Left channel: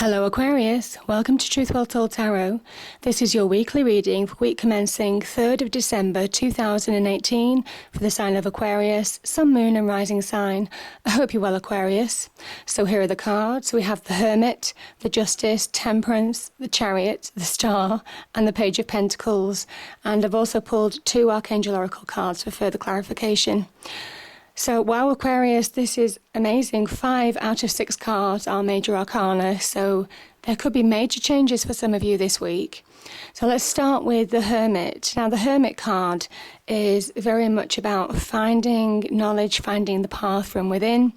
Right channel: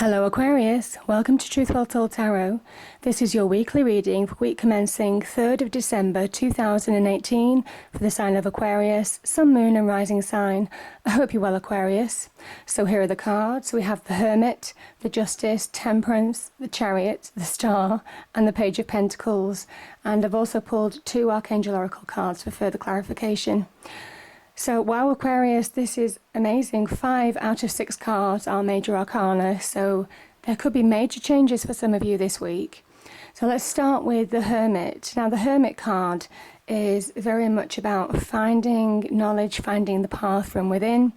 Hello Aquarius, welcome to Truth Well Told Tarot. This is your weekly reading for week commencing 3rd of December 2018 for the sign of Aquarius, Sun, Moon and Rising sign. I hope you're well, Aquarius. So here are the cards. We have the Hermit, the Justice, Temperance, the Chariot, the Star and the Page of Pentacles. And I've also pulled 2 Archangel Oracle cards for further clarification. So, wow, Aquarius, this is amazing. 5 out of 6 cards are major arcana, so there could be major changes for some of you this week. So let's start with the Hermit. Now, the Hermit card is very much about finding knowledge, finding the path from within.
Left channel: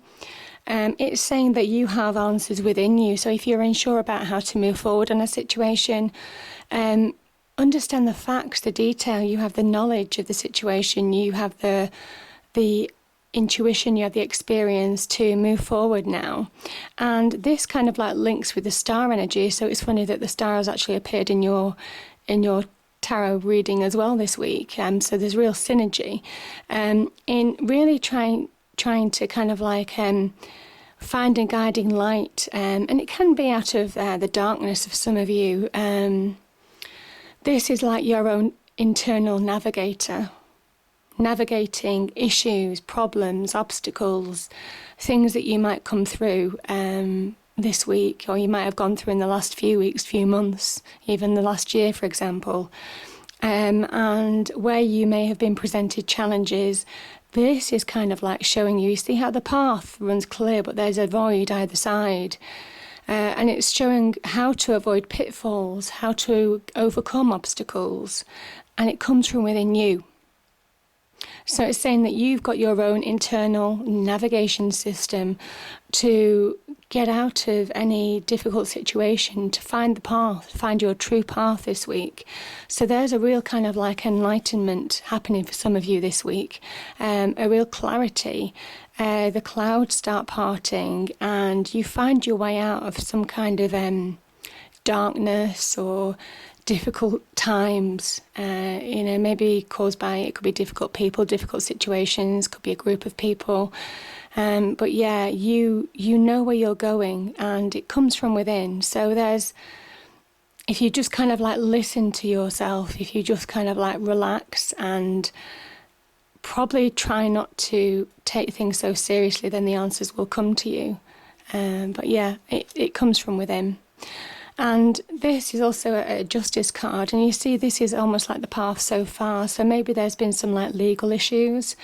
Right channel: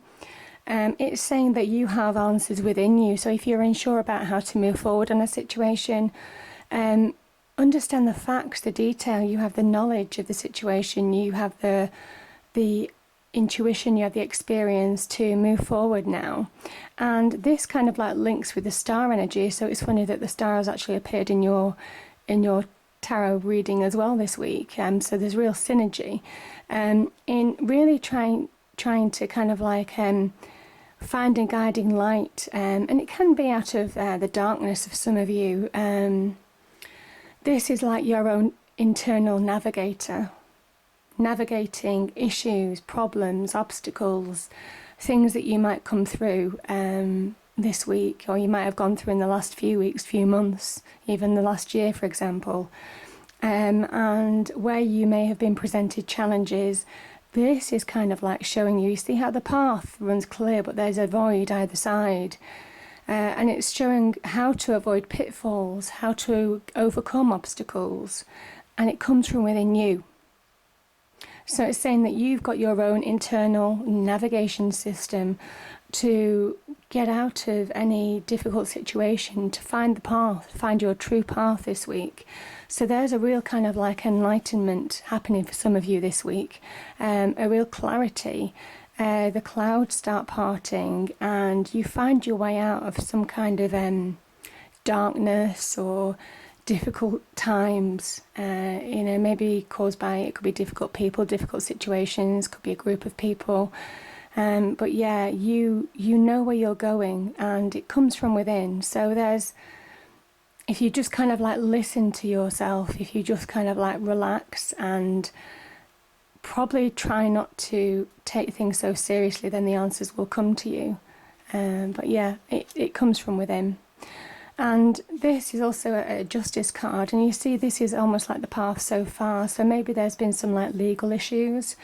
It's saying that you have answers within you. So if you're unsure about how to move forward in a situation, understand the facts, the detail. You have the knowledge of the situation. You have the intuition, you have the experience to move forward now. And this kind of like links with the star energy, so it's funny that the star has actually appeared in your tarot reading as well this week. So there's real synergy in really trying to kind of like find a guiding light, and it can be out of the darkness of some of you. This is like your own internal navigator, navigating issues, problems, obstacles, things that you might come through this week, or you might have gone through in the last few weeks, few months, even the last year, for example, and where you may have been presented challenges. This is kind of like showing you see how the path runs clear, but there's a void either side. And it's showing how to avoid pitfalls, how to overcome obstacles, and it comes from within you. So it's saying that you've got your own internal navigation system to get out of any difficult situation, to find the path, find your true path this week. So there's a real kind of like enlightenment happening for some of you this week, a real clarity. The clouds start parting and you find your way out of some kind of darkness or difficult times, maybe caused by, it could be difficult people, difficult situations, could be a group of people, but yeah, you know where you're going and it comes from within. So if you just kind of like listen to yourself, if you just kind of like relax and probably try not to take things so seriously, then the answers will come to you. But yeah, it comes from within. And this is also a justice card, and you see this is almost like the path so far. So maybe there's been some like legal issues,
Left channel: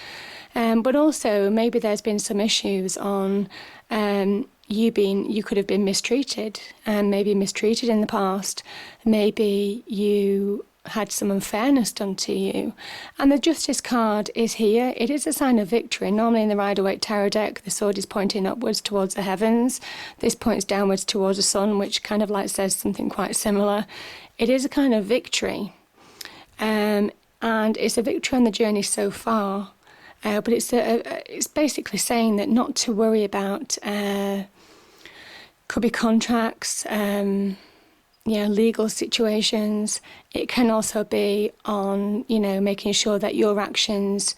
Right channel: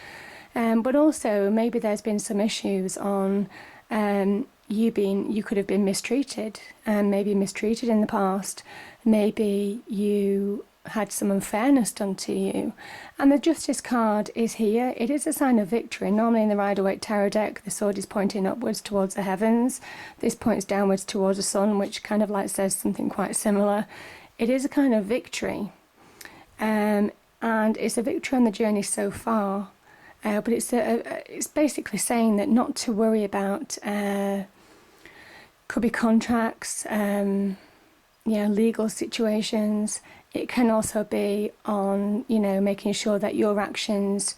but also maybe there's been some issues on you could have been mistreated, and maybe mistreated in the past. Maybe you had some unfairness done to you, and the Justice card is here. It is a sign of victory. Normally in the Rider-Waite tarot deck, the sword is pointing upwards towards the heavens. This points downwards towards the sun, which kind of like says something quite similar. It is a kind of victory, and it's a victory on the journey so far, but it's basically saying that not to worry about could be contracts, legal situations. It can also be on, making sure that your actions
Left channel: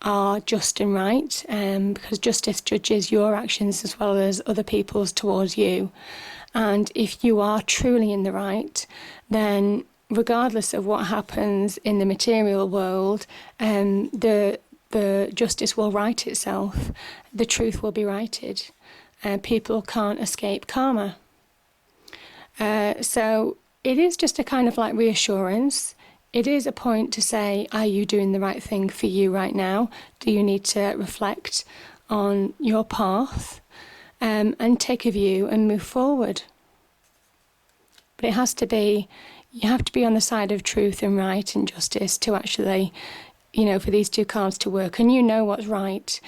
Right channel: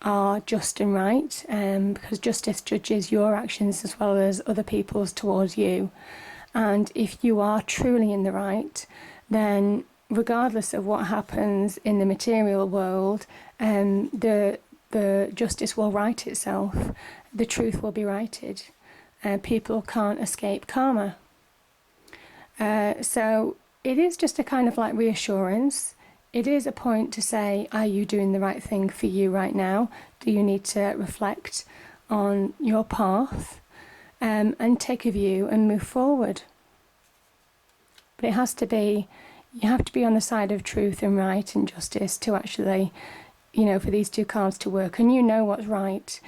are just and right, because justice judges your actions as well as other people's towards you. And if you are truly in the right, then regardless of what happens in the material world, the justice will right itself. The truth will be righted. People can't escape karma. So it is just a kind of like reassurance. It is a point to say, are you doing the right thing for you right now? Do you need to reflect on your path and take a view and move forward? But you have to be on the side of truth and right and justice to actually, for these 2 cards to work. And you know what's right.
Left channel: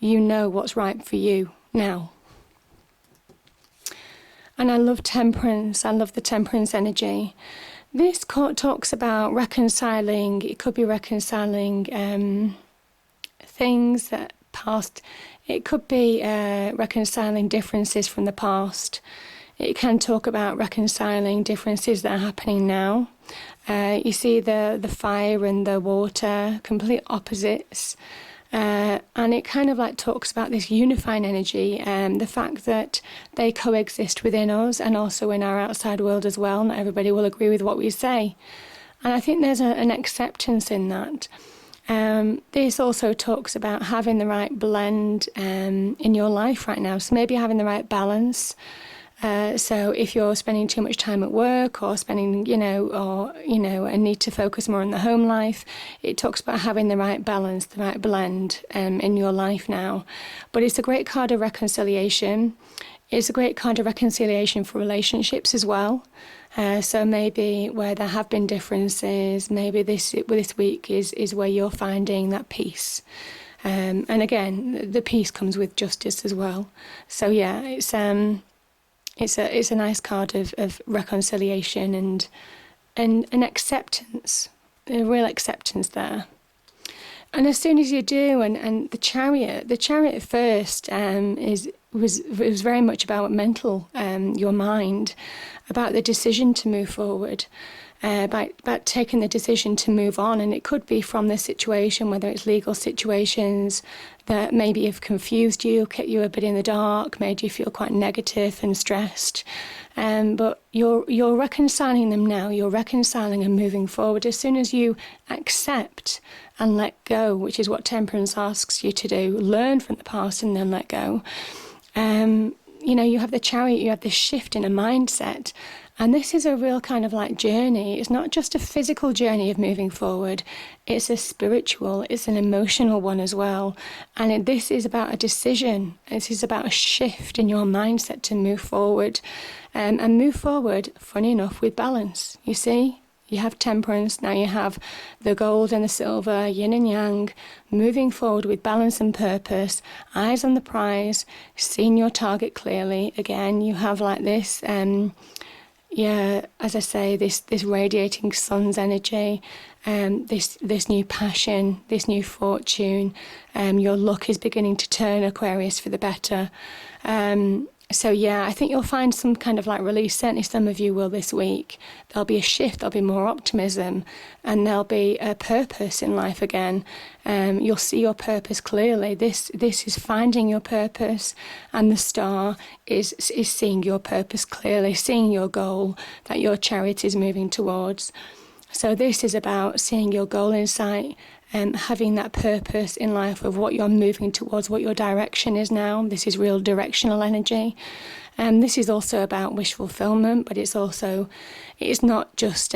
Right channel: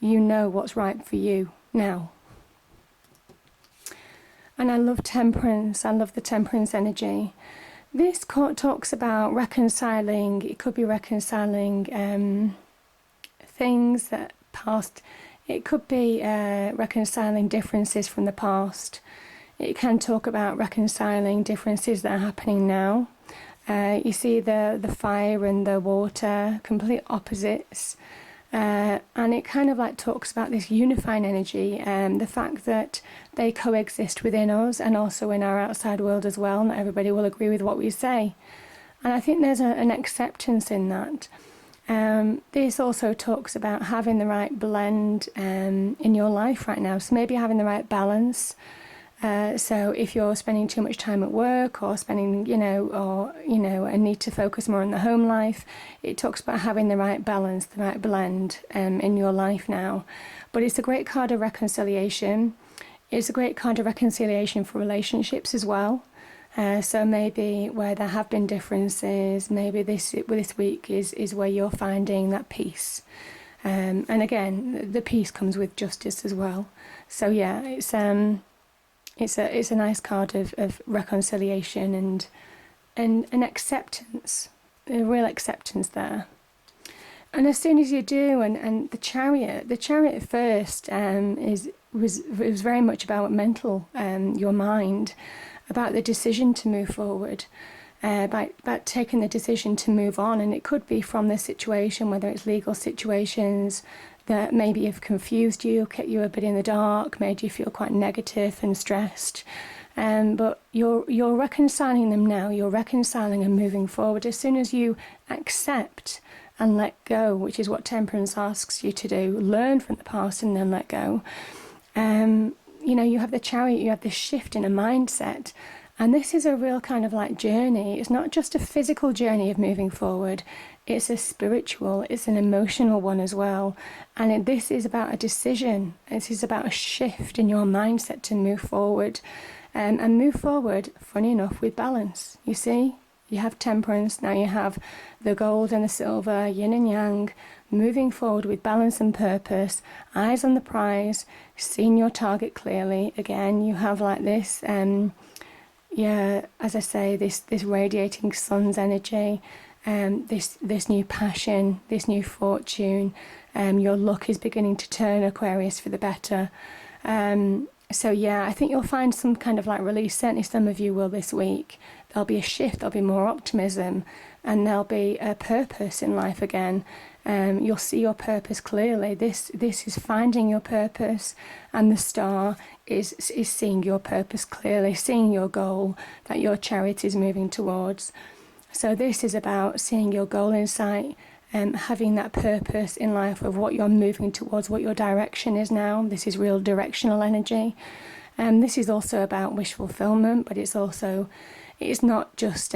You know what's right for you now. And I love Temperance. I love the Temperance energy. This court talks about reconciling. It could be reconciling things that past. It could be reconciling differences from the past. It can talk about reconciling differences that are happening now. You see the fire and the water, complete opposites. And it kind of like talks about this unifying energy and the fact that they coexist within us and also in our outside world as well. Not everybody will agree with what we say. And I think there's an acceptance in that. This also talks about having the right blend in your life right now. So maybe having the right balance. So if you're spending too much time at work or spending, and need to focus more on the home life, it talks about having the right balance, the right blend in your life now. But it's a great card of reconciliation. It's a great card of reconciliation for relationships as well. So maybe where there have been differences, maybe this week is where you're finding that peace. And again, the peace comes with justice as well. So yeah, it's a nice card of reconciliation and an acceptance, a real acceptance there. And as soon as you do, and the chariot at first was very much about mental, your mind, about the decision to move forward, about taking the decision to move on. And it could be from this situation, whether it's legal situations that maybe have confused you, kept you a bit in the dark, made you feel quite negative and stressed. But you're reconciling them now. You're reconciling and moving forward. As soon as you accept and let go, which is what Temperance asks you to do, learn from the past and then let go. You have the chariot, you have this shift in a mindset. And this is a real kind of like journey. It's not just a physical journey of moving forward. It's a spiritual, it's an emotional one as well. And this is about a decision. This is about a shift in your mindset to move forward. And move forward, funny enough, with balance. You see? You have Temperance, now you have the gold and the silver, yin and yang, moving forward with balance and purpose, eyes on the prize, seeing your target clearly. Again, you have like this, as I say, this radiating sun's energy, this new passion, this new fortune. Your luck is beginning to turn, Aquarius, for the better. So I think you'll find some kind of like release. Certainly some of you will this week. There'll be a shift, there'll be more optimism, and there'll be a purpose in life again. You'll see your purpose clearly. This is finding your purpose, and the star is seeing your purpose clearly, seeing your goal that your chariot is moving towards. So this is about seeing your goal in sight, having that purpose in life of what you're moving towards, what your direction is now. This is real directional energy. This is also about wish fulfillment, but it's not just,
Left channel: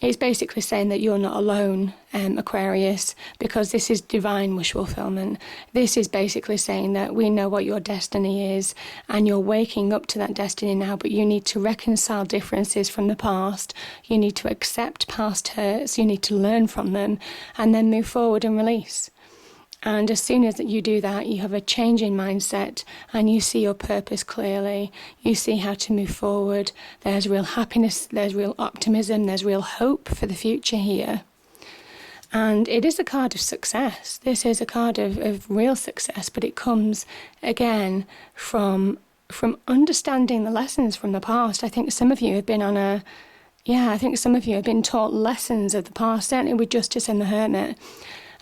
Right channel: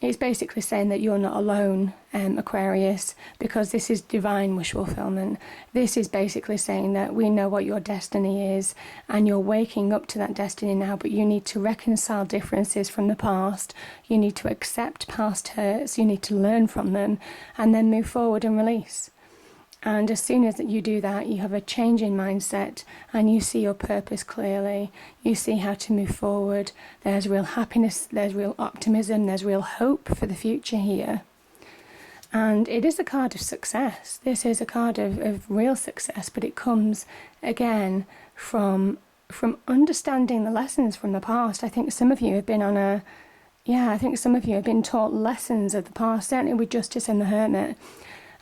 it's basically saying that you're not alone, Aquarius, because this is divine wish fulfillment. This is basically saying that we know what your destiny is and you're waking up to that destiny now, but you need to reconcile differences from the past. You need to accept past hurts. You need to learn from them and then move forward and release. And as soon as you do that, you have a change in mindset and you see your purpose clearly. You see how to move forward. There's real happiness, there's real optimism, there's real hope for the future here. And it is a card of success. This is a card of real success, but it comes, again, from understanding the lessons from the past. I think some of you have been taught lessons of the past, certainly with Justice and the Hermit.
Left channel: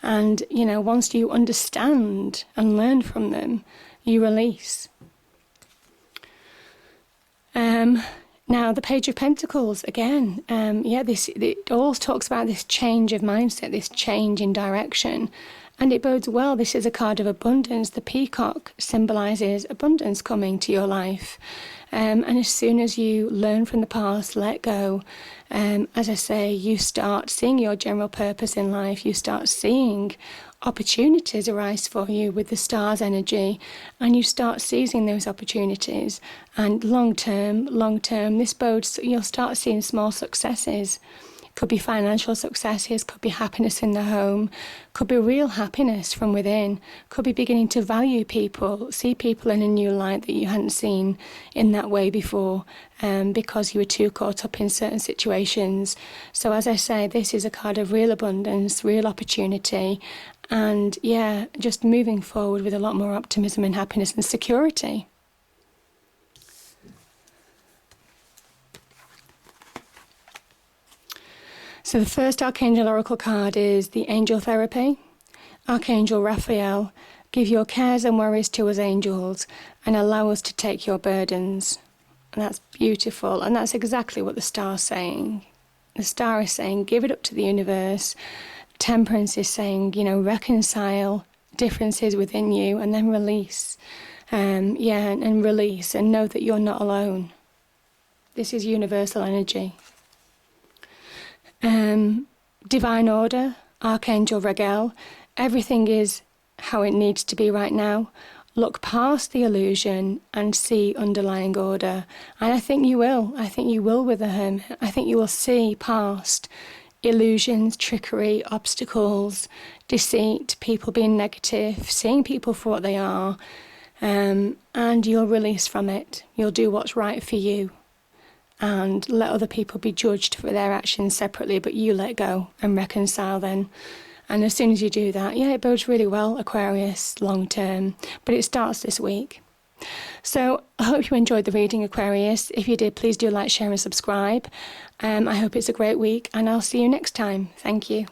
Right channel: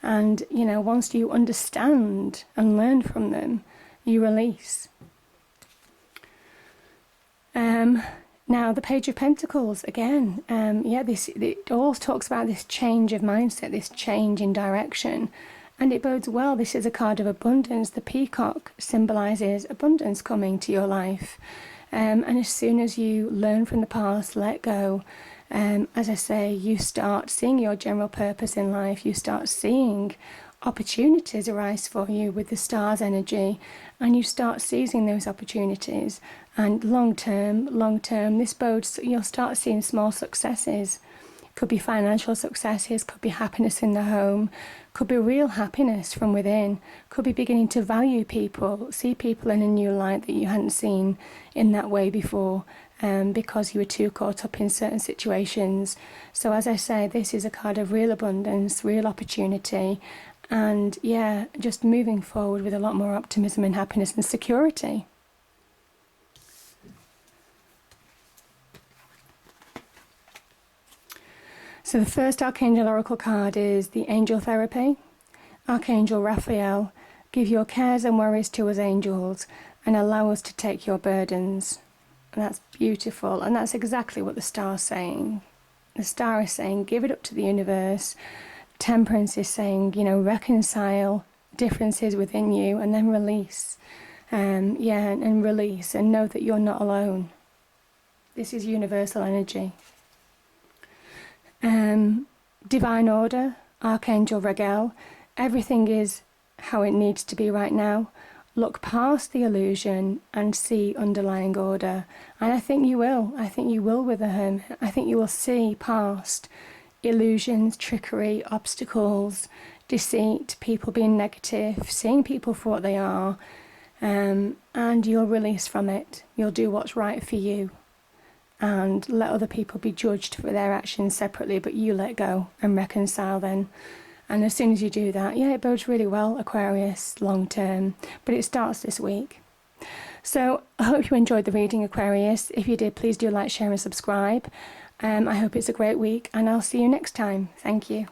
And, once you understand and learn from them, you release. Now, the Page of Pentacles, again, it all talks about this change of mindset, this change in direction. And it bodes well. This is a card of abundance. The peacock symbolises abundance coming to your life. And as soon as you learn from the past, let go, as I say, you start seeing your general purpose in life. You start seeing opportunities arise for you with the star's energy, and you start seizing those opportunities. And long term, this bodes, you'll start seeing small successes. Could be financial successes, could be happiness in the home, could be real happiness from within, could be beginning to value people, see people in a new light that you hadn't seen in that way before, because you were too caught up in certain situations. So as I say, this is a card of real abundance, real opportunity, and just moving forward with a lot more optimism and happiness and security. So the first Archangel Oracle card is the Angel Therapy. Archangel Raphael, give your cares and worries to us angels and allow us to take your burdens. And that's beautiful, and that's exactly what the star's saying. The star is saying, give it up to the universe. Temperance is saying, reconcile differences within you and then release. And release and know that you're not alone. This is universal energy. Divine order, Archangel Regel, everything is how it needs to be right now. Look past the illusion and see underlying order. And I think you will. I think you will with the Hermit. I think you will see past illusions, trickery, obstacles, deceit, people being negative, seeing people for what they are, and you'll release from it. You'll do what's right for you and let other people be judged for their actions separately, but you let go and reconcile then. And as soon as you do that, it bodes really well, Aquarius, long term. But it starts this week. So I hope you enjoyed the reading, Aquarius. If you did, please do like, share and subscribe. I hope it's a great week, and I'll see you next time. Thank you.